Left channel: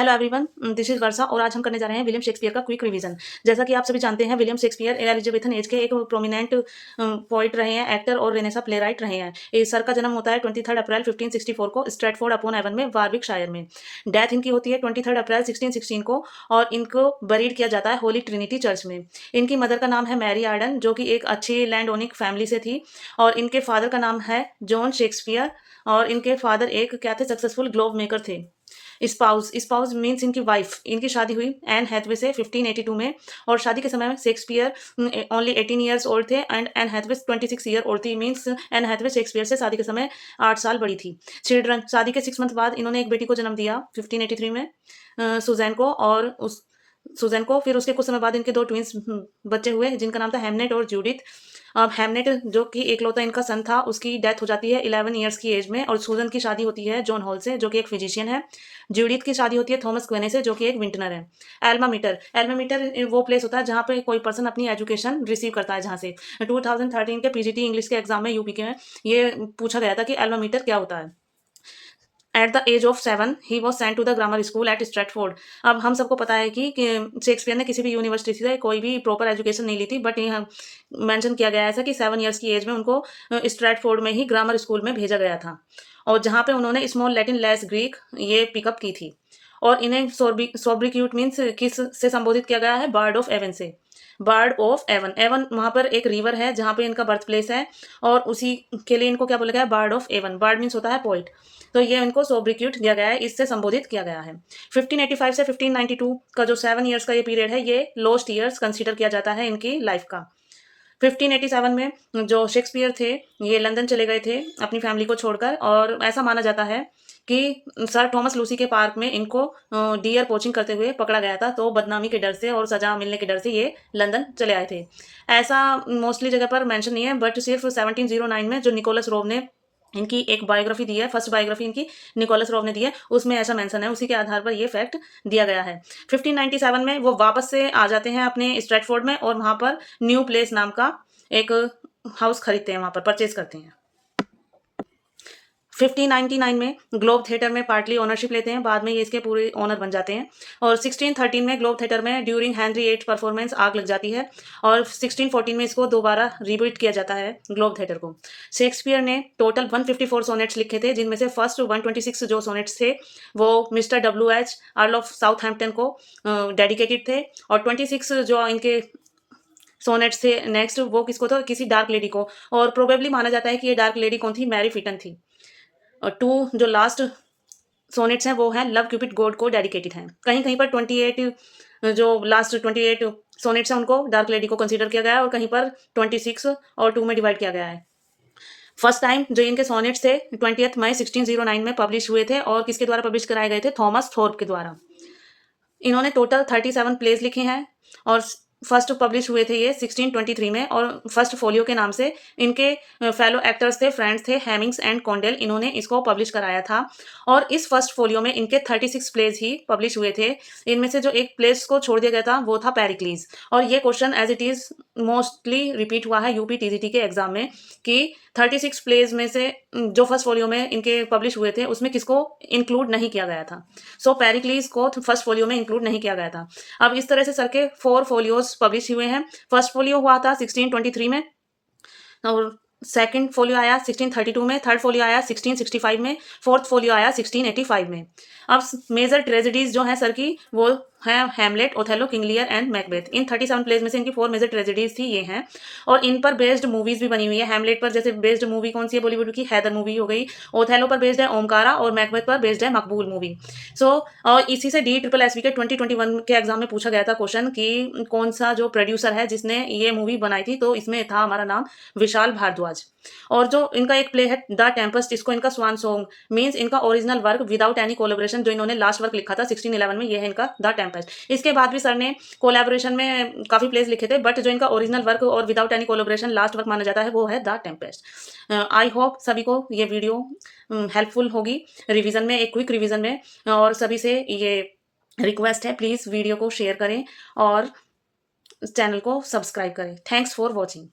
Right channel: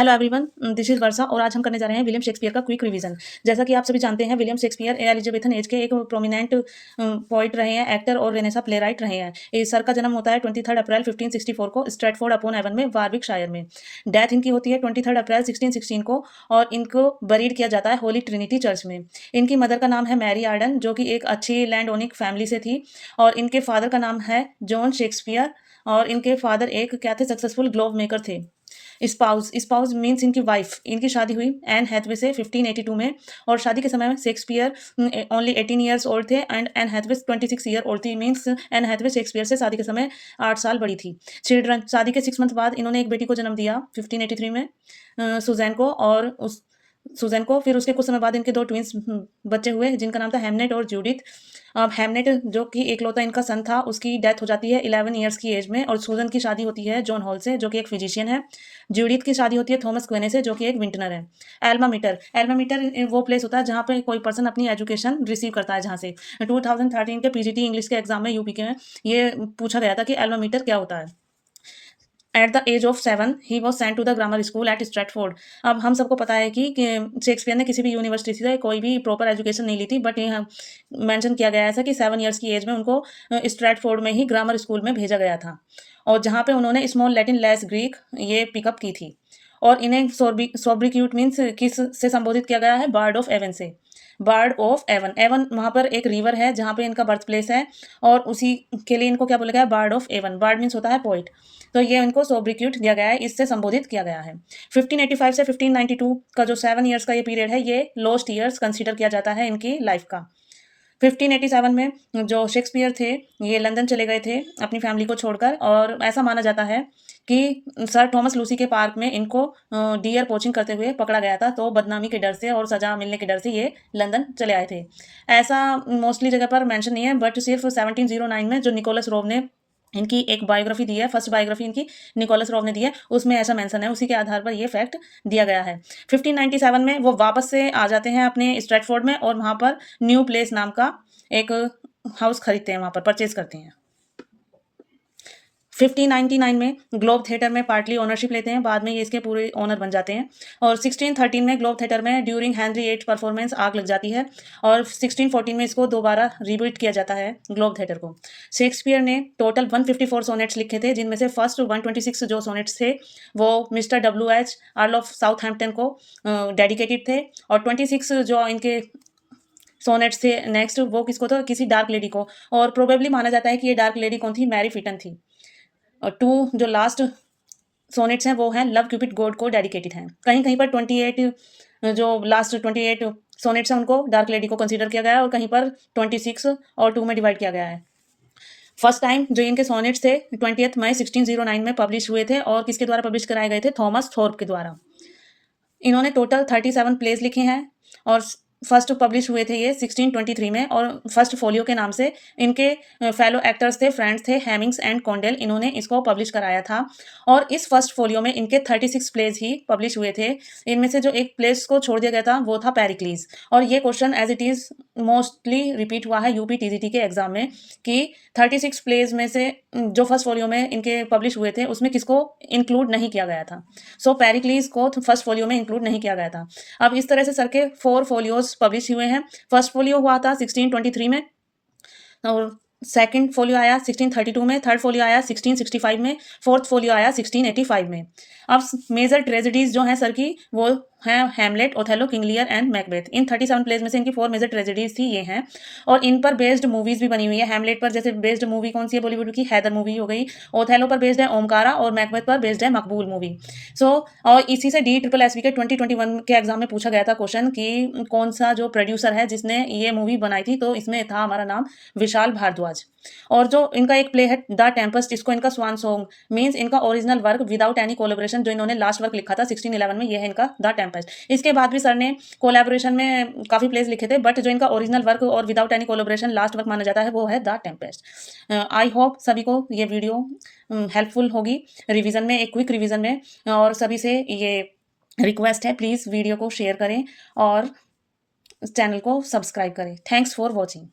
Hello everyone, this is वर्षा और आज हम करने जा रहे हैं विलियम शेक्सपियर का क्विक रिवीजन। जैसा कि आप सभी जानते हैं, विलियम शेक्सपियर एलिजाबेथन एज के एक प्रोमिनेंट पोइट रहे हैं, एक्टर और रेनेसा प्लेराइट रहे हैं। सर का जन्म होता है 23 अप्रैल 1564 को स्ट्रैटफोर्ड अपॉन एवन में, वारविकशायर में। डेथ इनकी होती है 23 अप्रैल 1616 को और इनको बरीड किया जाता है होली ट्रिनिटी चर्च में। इनकी मदर का नाम है मैरी आर्डन, जो कि एक अच्छी लैंड ओनिंग फैमिली से थी, और इनके फादर का नाम है जॉन शेक्सपियर, और इनके फादर एक क्या थे, सक्सेसफुल ग्लोव मेकर थे। स्पाउस स्पाउस मीन्स इनकी वाइफ। इनकी शादी हुई एन हैथवे से 1582 में, और शादी के समय में शेक्सपियर ओनली 18 ईयर्स ओल्ड थे and Anne Hathaway 26 year old थी। मीन्स एन हैथवे शेक्सपियर से शादी के समय 8 साल बड़ी थी। चिल्ड्रन, शादी के 6 मंथ बाद इन्होंने एक बेटी को जन्म दिया 1583 में, सुजैन को, और उस सुजैन को फिर उसके कुछ समय बाद इनके 2 ट्विंस बच्चे हुए, जिनका नाम था हेमनेट और जूडिथ। अब हेमनेट, जो कि एकलौता इनका सन था, उसकी डेथ हो जाती है 11 ईयर्स की एज में, और सूजन की शादी होती है जॉन हॉल से, जो कि एक फिजिशियन है। जूडिथ की शादी होती है थॉमस क्वेने से, जो कि एक विंटनर है। एल्मा मीटर वो प्लेस होता है जहाँ पे कोई पर्सन अपनी एजुकेशन रिसीव करता है, जहाँ से 2013 के पीजीटी इंग्लिश के एग्जाम में यूपी के में ये पूछा गया था कि एल्मा मीटर क्या होता है। At the age of 7 he was sent to the grammar school at Stratford. अब हम सबको पता है कि शेक्सपियर ने किसी भी यूनिवर्सिटी से कोई भी प्रॉपर एजुकेशन नहीं ली थी, बट यहाँ मेंशन किया गया है ऐसा कि 7 ईयर्स की एज में उनको स्ट्रैटफोर्ड में ही ग्रामर स्कूल में भेजा गया था, और जहाँ पे उन्होंने स्मॉल लैटिन लेस ग्रीक ये पिकअप की थी। और इन्हें सोब्रिक्यूट मीन्स किस से संबोधित किया गया है, बार्ड ऑफ एवन से। बार्ड ऑफ एवन, एवन वहाँ पर एक रिवर है जहाँ पे इनका बर्थ प्लेस है, और उसी के लिए इनको क्या बोला गया है, bard of Avon. Bard means होता है पोइट, तो ये इनको सोब्रिक्यूट दिया गया है, इससे संबोधित किया गया है। 1585 से 1592 का जो 7 ईयर्स का ये पीरियड है, ये लोस्ट ईयर्स कंसीडर किया जाता है इनकी लाइफ का। 1587 में जो शेक्सपियर थे, ये लंदन चले गए थे अपनी फैमिली को छोड़कर, और ऐसा माना जाता है कि सर थॉमस लूसी के पार्क में इनको डियर पोचिंग करते हुए पकड़ा गया था, तो बदनामी के डर से और सजा मिलने के डर से ये लंदन चले आए थे। ऐसा मोस्टली जगह पर मेंशन नहीं है, बट सिर्फ 1709 में जो निकोलस रोब ने इनकी एक बायोग्राफी दी है, फर्स्ट बायोग्राफी इनकी निकोलस रोब ने दी है, उसमें ऐसा मेंशन है, उसी के आधार पर ये फैक्ट दिया गया है। 1597 में वो वापस से आ जाते हैं अपने स्ट्रैटफोर्ड में, और वहाँ पर न्यू प्लेस नाम का एक हाउस खरीदते हैं, वहाँ पर परचेज करते हैं। 1599 में ग्लोब थिएटर में पार्टली ओनरशिप लेते हैं, बाद में ये इसके पूरे ओनर बन जाते हैं। और 1613 में ग्लोब थिएटर में ड्यूरिंग हेनरी 8 परफॉर्मेंस आग लग जाती है, और 1614 में इसको दोबारा रिबिल्ड किया जाता है ग्लोब थिएटर को। शेक्सपियर ने टोटल 154 सोनेट्स लिखे थे, जिनमें से फर्स्ट 126 जो सोनेट्स थे वो mister WH earl of Southampton को डेडिकेटेड थे, और 26 जो इनके सोनेट्स थे नेक्स्ट, वो किसको, तो किसी डार्क लेडी को, और प्रोबेबली माना जाता है कि ये डार्क लेडी कौन थी, मैरी फिटन थी। और 2 जो लास्ट सोनेट्स हैं वो हैं लव क्यूपिड गॉड को डेडिकेटेड हैं। कहीं कहीं पर 28 जो लास्ट 28 सोनेट्स हैं उनको डार्क लेडी को कंसीडर किया गया है, और कहीं पर 26 और 2 में डिवाइड किया गया है। फर्स्ट टाइम जो इनके सोनेट्स थे 20 मई 1609 में पब्लिश हुए थे, और किसके द्वारा पब्लिश कराए गए थे, थॉमस थॉर्प के द्वारा। इन्होंने टोटल 37 प्लेस लिखे हैं, और फर्स्ट पब्लिश हुए थे ये 1623 में, और फर्स्ट फोलियो के नाम से इनके फेलो एक्टर्स थे, फ्रेंड्स थे, हेमिंग्स एंड कॉन्डेल, इन्होंने इसको पब्लिश कराया था। और इस फर्स्ट फोलियो में इनके 36 प्लेस ही पब्लिश हुए थे। इनमें से जो एक प्लेस को छोड़ दिया गया था वो था पेरिक्लीज, और ये question as it is mostly repeat हुआ है यूपी टीजीटी के एग्जाम में कि 36 प्लेस में से जो फर्स्ट फोलियो में इनके पब्लिश हुए थे उसमें किसको इंक्लूड नहीं किया गया था। सो पेरिक्लीज को फर्स्ट फोलियो में इंक्लूड नहीं किया गया था। अब इस तरह से सर के 4 फोलियोज पब्लिश हुए हैं। फर्स्ट फोलियो हुआ था 1623 में, और सेकंड फोलियो आया 1632 में, थर्ड फोलियो आया 1665 में, फोर्थ फोलियो आया 1685 में। अब मेजर ट्रेजेडीज जो हैं सर की वो हैं Hamlet, Othello, King Lear and Macbeth. In 37 place में से इनकी 4 मेजर ट्रेजेडीज थी, ये हैं, और इन पर बेस्ड मूवीज भी बनी हुई है। हैमलेट पर जैसे बेस्ड मूवी कौन सी है बॉलीवुड की, हैदर मूवी हो गई। ओथेलो पर बेस्ड है ओमकारा, और मैकबेथ पर बेस्ड है मकबूल मूवी। और इसी से DSSB के 2021 के एग्जाम में पूछा गया था क्वेश्चन कि कौन सा जो प्रोड्यूसर है जिसने ये मूवी बनाई थी, तो इसमें था हमारा नाम विशाल भारद्वाज। और जो इनका एक प्ले है द टेम्पेस्ट, इसको इनका स्वान सॉन्ग मींस इनका original work without any collaboration, जो इन्होंने लास्ट वर्क लिखा था 1611 में, ये है इनका द टेम्पेस्ट। इसके बाद भी सर ने कोलैबोरेशन में काफ़ी प्लेस लिखे थे, बट जो इनका ओरिजिनल वर्क और without any collaboration last work माना जाता है वो है द टेम्पेस्ट। आई होप सभी को ये वीडियो हेल्पफुल होगी रिवीजन में, एक क्विक रिवीजन में, और सभी से ये रिक्वेस्ट है प्लीज़ वीडियो को शेयर करें और चैनल को सब्सक्राइब करें। Thanks for watching.